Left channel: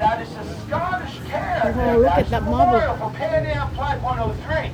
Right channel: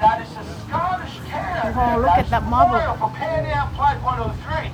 That is the Scottish tan. Oh, look at that marble. For Pan Am Flight 103.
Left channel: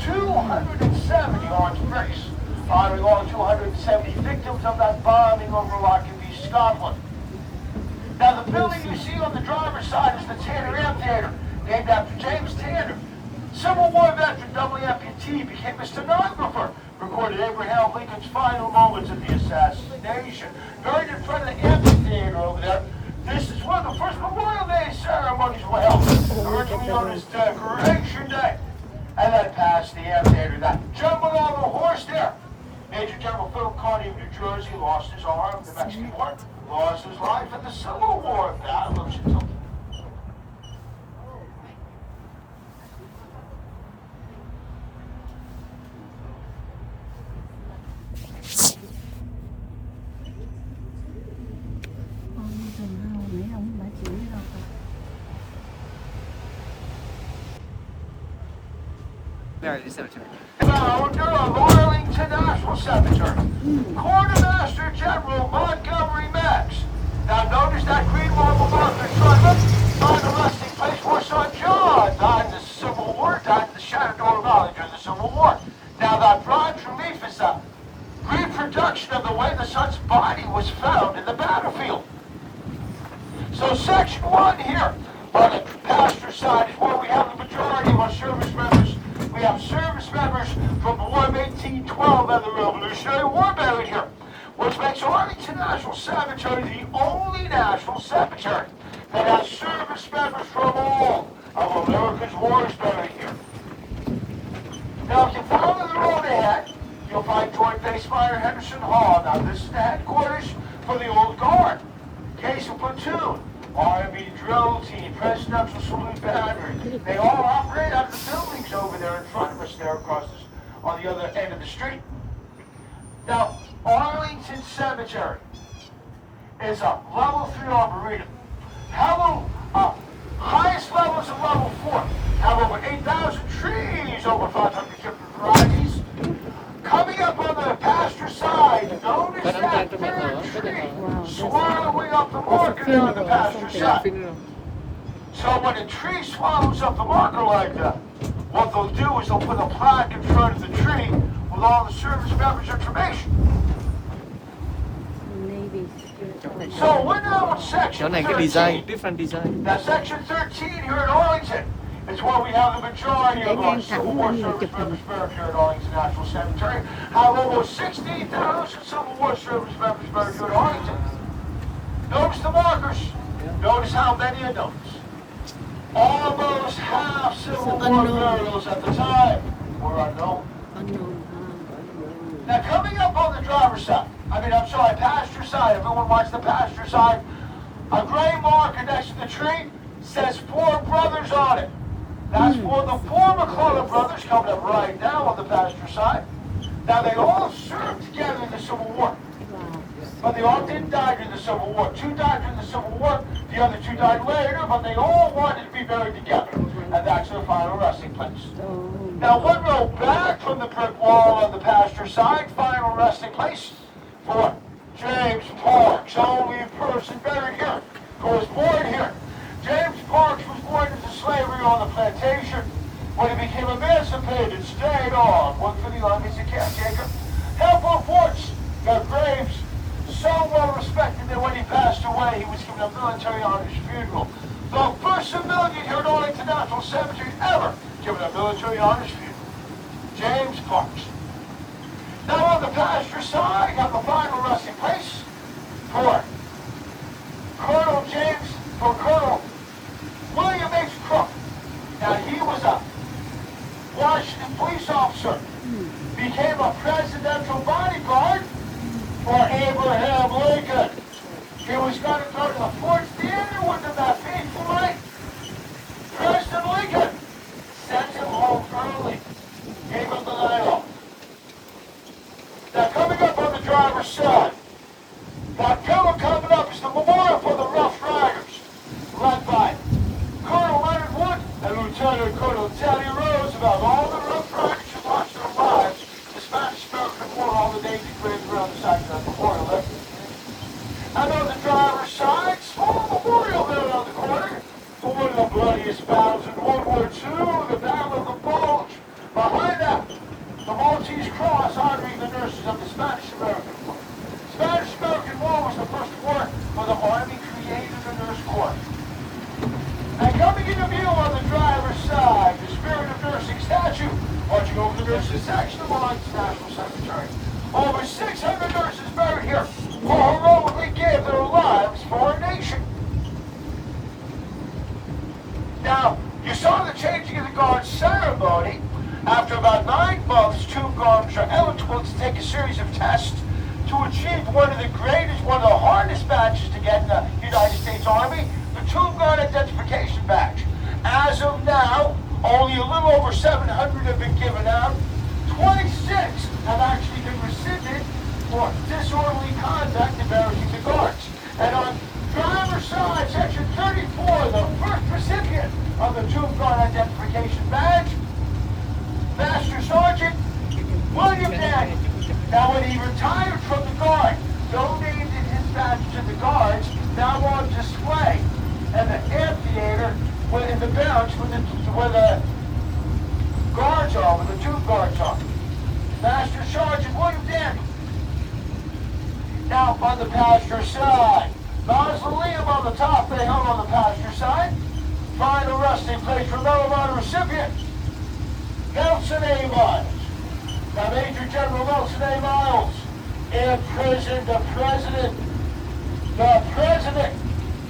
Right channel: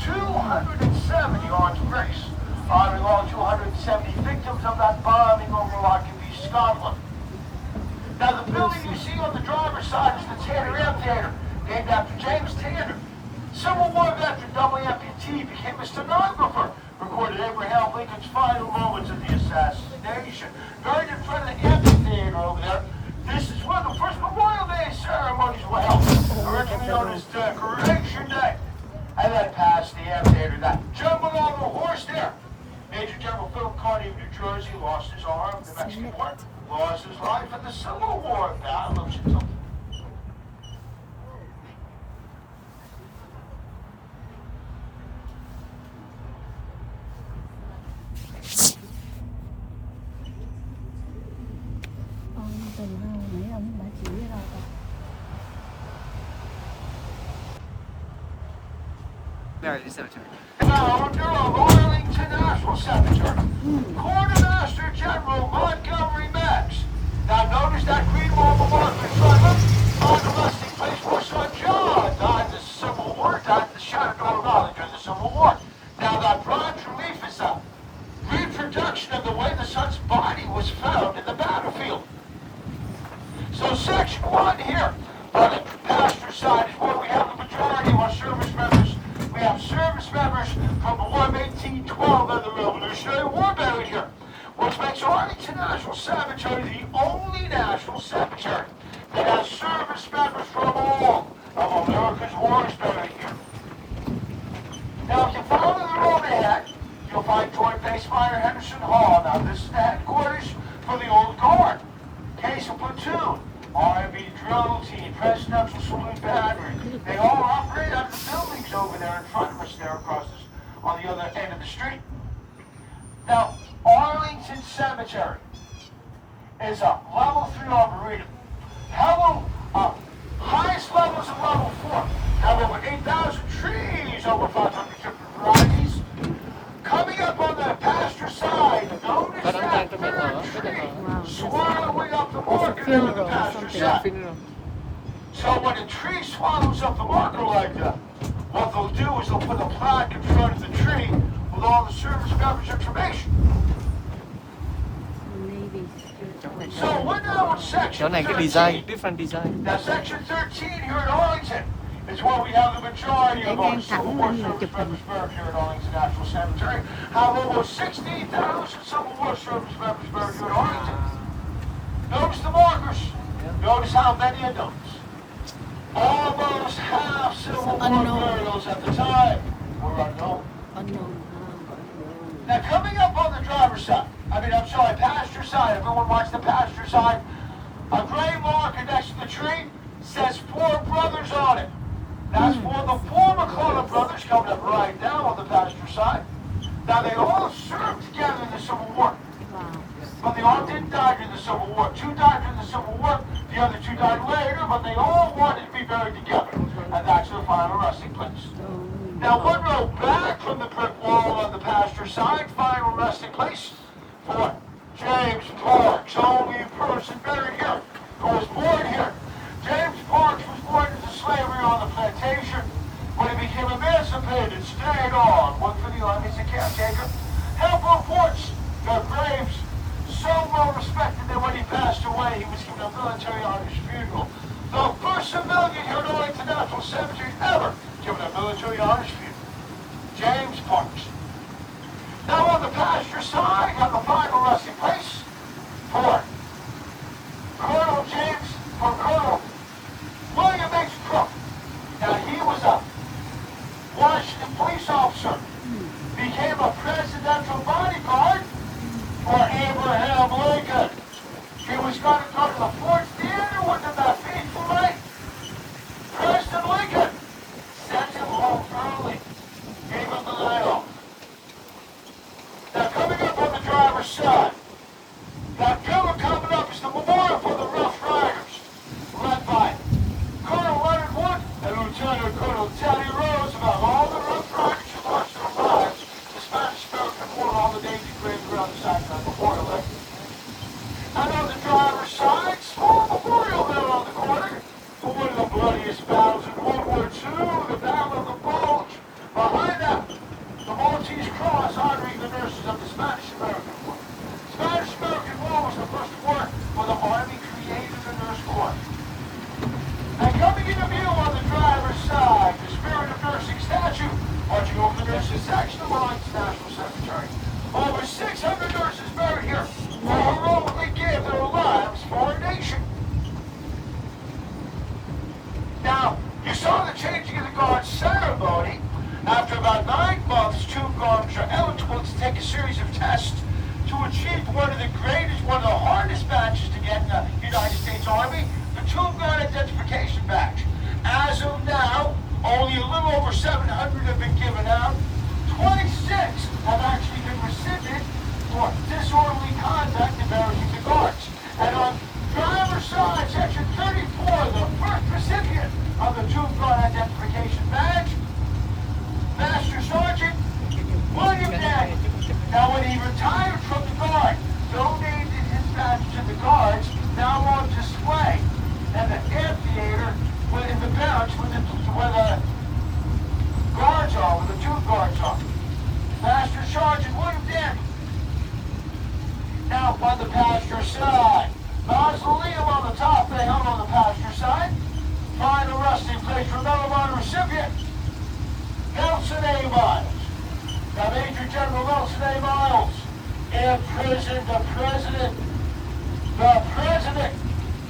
270 armed race. Firing along 270 victims of that bombing over Lockerbie, Scotland. Now the building you see on the driver's side is the Tanner Amphitheater, named after James Tanner. Civil War veteran, double amputee, became a stenographer, recorded Abraham Lincoln's final moments of the assassination. Buried in front of the amphitheater over there. This is where the first Memorial Day ceremonies were held, originally known as Decoration Day. And then past the amphitheater, that gentleman on the horse there, Major General Philip Kearny of New Jersey, lost his arm in the Mexican War, lost his life at the Civil War battle of Chilton. Cemetery. Founder of Arlington National Cemetery, Quartermaster General Montgomery Meigs. Now notice that green marble marker showing on the resting place where son John died in the Civil War, died in the Shenandoah Valley during the Civil War. Now that bronze relief is a reproduction of the way the son's body was found in the battlefield. So section 1 here on the pasture side is where we have the majority of our service members. We have service members from the War of 1812 and the Revolutionary War buried here, which makes Arlington National Cemetery the only national cemetery that has service members from all of America's wars buried here. Now, if you follow the road ahead, you'll find Joint Base Minor Henderson Hall. Now, this is the headquarters for the Old Guard, Case of Platoon, Army Drill Team, Presidential Salute Battery. They all operate out of the buildings over there in front of us there across this, on the other end of the street. Now, Arlington Cemetery is a level 3 arboretum. Highest levels of level 4 have over 8,000 trees, over 500 different varieties. Coming up on the pasture side, notice that third tree swallowing up the marker there on the pasture side. So when a tree swallows up the marker like that, what they'll do is they'll put a plaque in front of the tree with all the service members' information. So we're now in section 13. Design, different design. Now section 13 here in Arlington is where we have the majority of our Civil War service members buried here at Arlington National Cemetery. Have almost 16,000 Civil War service members buried here at Arlington. Notice the markers. Notice how many of those. Almost half Civil War burials at the time were unknown. Now coming up on the driver's side, pasture side, everyone wants the pasture side, a gray marker next to the tree says 4 brothers on it. That's for the 4 McCullough brothers coming up right now on the pasture side. Now they all served together in the Civil War. But they all didn't die during the Civil War. 2 died during the Civil War, the other 2 died later, but they all wanted to be buried together. And that's their final resting place. Now, one row back from the brick wall on the pasture side, final resting place for James Parks, only person buried here, who was born here. James Parks was born into slavery on the plantation. When he became emancipated, stayed on, worked for the Army as a caretaker. Handful of forts, got graves, so well respected that when he passed away, he was given a military honors funeral. The first civilian here at Arlington National Cemetery ever given a military honors funeral. James Parks. Now on the pasture side, got the final resting place for Colonel William H. Crook. Now he was a Washington police officer, became a presidential bodyguard for Abraham Lincoln. He was going to go to the Fort Theater with him that fateful night. President Lincoln sent him home early, gave him the night off. Now coming up on the driver's side, that coming up is the memorial for the rough Now, you saw the changing of the guard ceremony. After about 9 months, Tomb Guards are eligible to take a series of tests to achieve one of the hardest badges to get in the United States Army, the Tomb Guard Identification Badge. As of now, only a little over 700 have been given out. 26 have actually been rescinded for disorderly conduct embarrassing the guards. And on driver's side, section 34, the first recipient of the Tomb Guard Identification Badge, Master Sergeant William Daniel. Now, when he retired from the Guard, donated his badge to the Guards, now on display in the amphitheater, in the barracks where the guards are, where the Tomb Guards are. Master Sergeant William Daniel. Now, on the passenger side, mausoleum on the top, they held on the passenger side. Final resting place for Medal of Honor recipient, Nelson A. Miles. Now, Major General Nelson A. Miles imprisoned the president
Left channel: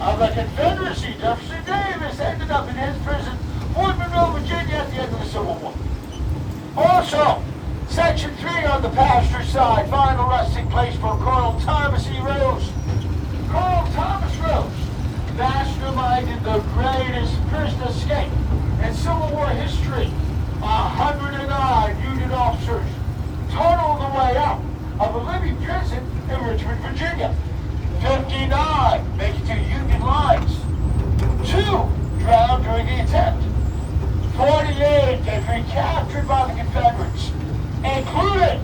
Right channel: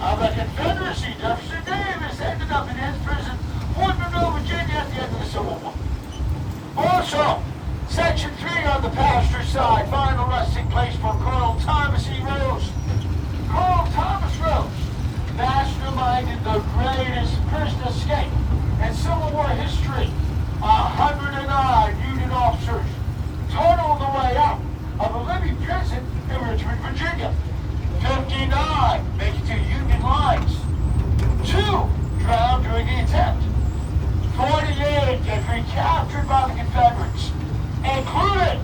of the Confederacy, Jefferson Davis, ended up in his prison, Fort Monroe, Virginia, at the end of the Civil War. Also, Section 3 on the passenger side, final resting place for Colonel Thomas E. Rose. Colonel Thomas Rose masterminded the greatest prison escape in Civil War history. 109 Union officers tunneled the way out of a living prison in Richmond, Virginia. 59 make it to Union lines. 2 drowned during the attempt. 48 get recaptured by the Confederates, including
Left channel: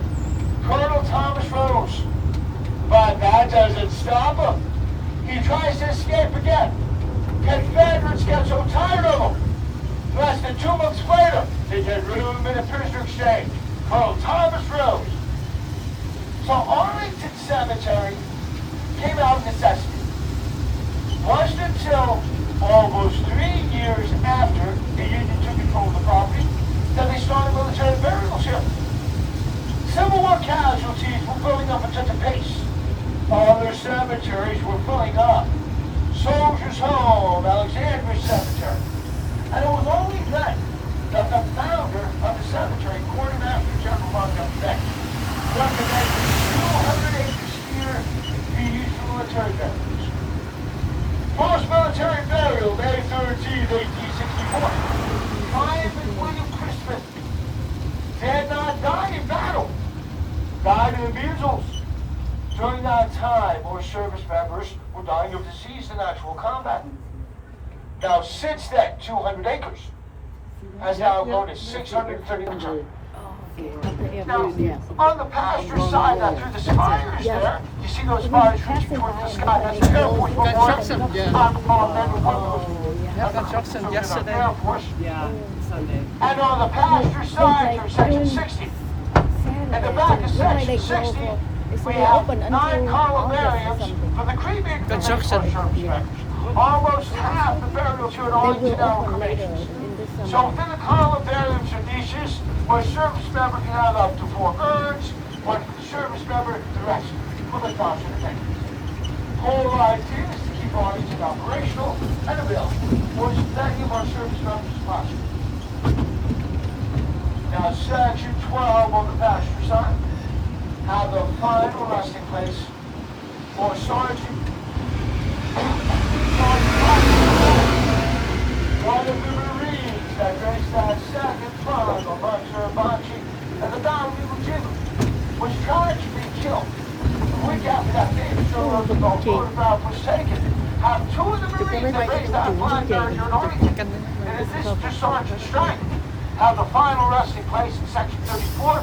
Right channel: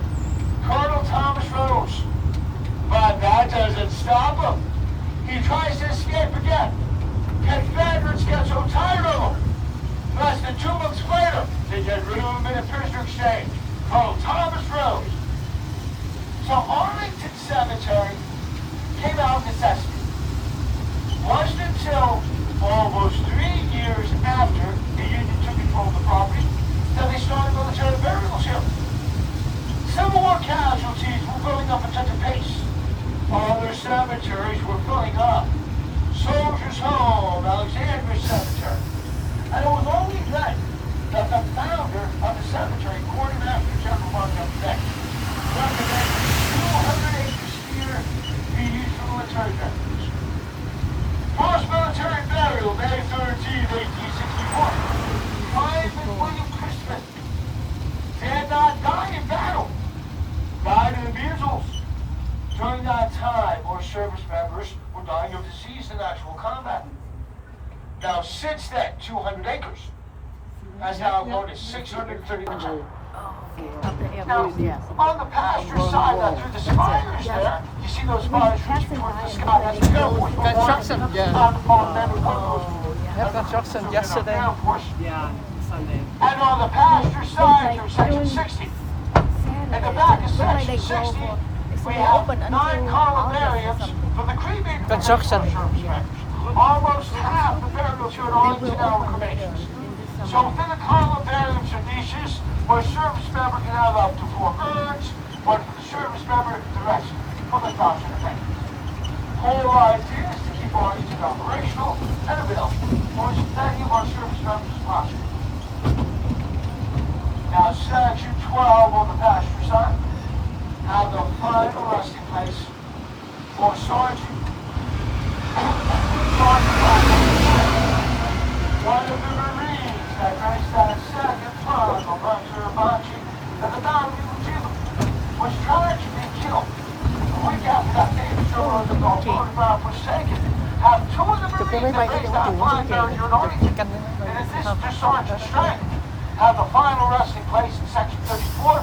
Colonel Thomas Rose. But that doesn't stop him. He tries to escape again. Confederates get so tired of him. Less than 2 months later, they get rid of him in a prisoner exchange. Colonel Thomas Rose. So Arlington Cemetery came out of necessity. Wasn't until almost 3 years after the Union took control of the property that they started military burials here. Civil War casualties were filling up at such a pace. Other cemeteries were filling up. Soldiers Home, Alexandria Cemetery. And it was only then that the founder of the cemetery, Quartermaster General Von Beck, recommended 200 acres here be used for military burials. First military burial, May 13, 1864. Private William Crispin did not die in battle. Died of measles. During that time, more service members were dying of disease in actual combat. Now, since then, 200 acres has now grown to 630 acres. Now, on the pasture side, now through the spires there, you see those spires reaching toward the sky. That's the Air Force. Construction, yeah. Have construction yesterday. Yeah, Sunday. And on the pasture side, through section 60. At the back of section 60, we have 9 columnariums for the cremated Construction. Almost half the burials here at Arlington now are cremations. So within the columbariums are niches where a service member can have up to 4 urns, one for the service member, the rest for the cross entertainment. The whole idea is to keep Arlington operational and available for as many of our service members as possible. Now, section 12 on the passenger side have the final resting place for Sergeant. One of the Marines that raced that second club on Monster Banshee at the Battle of Virginia was tragically killed. A week after that famous showroom of the photograph was taken, have 2 of the Marines that raced that flying buried here in Arlington. And in this to Sergeant Strength, have the final resting place in section 34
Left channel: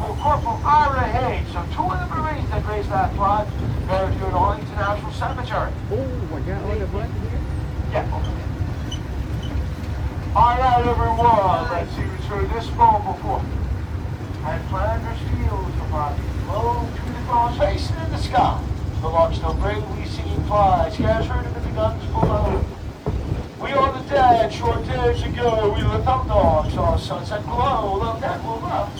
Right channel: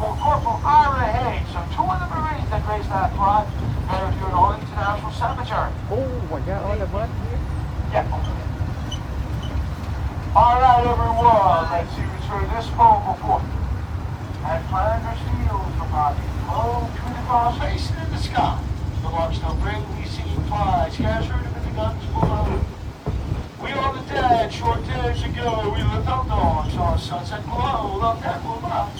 for Corporal Ira Hayes. So 2 of the Marines that raised that flag buried here at Arlington National Cemetery. Oh my God, all the blood here? Yeah. All right, everyone. Let's see what's heard this poem before. And Flanders fields are rocking low to the cross facing in the sky. The larks still bring, we see some flies. Guys heard them in the guns pull out. We are the dead, short days ago. We lived up dawn, saw a sunset glow, loved that glow up.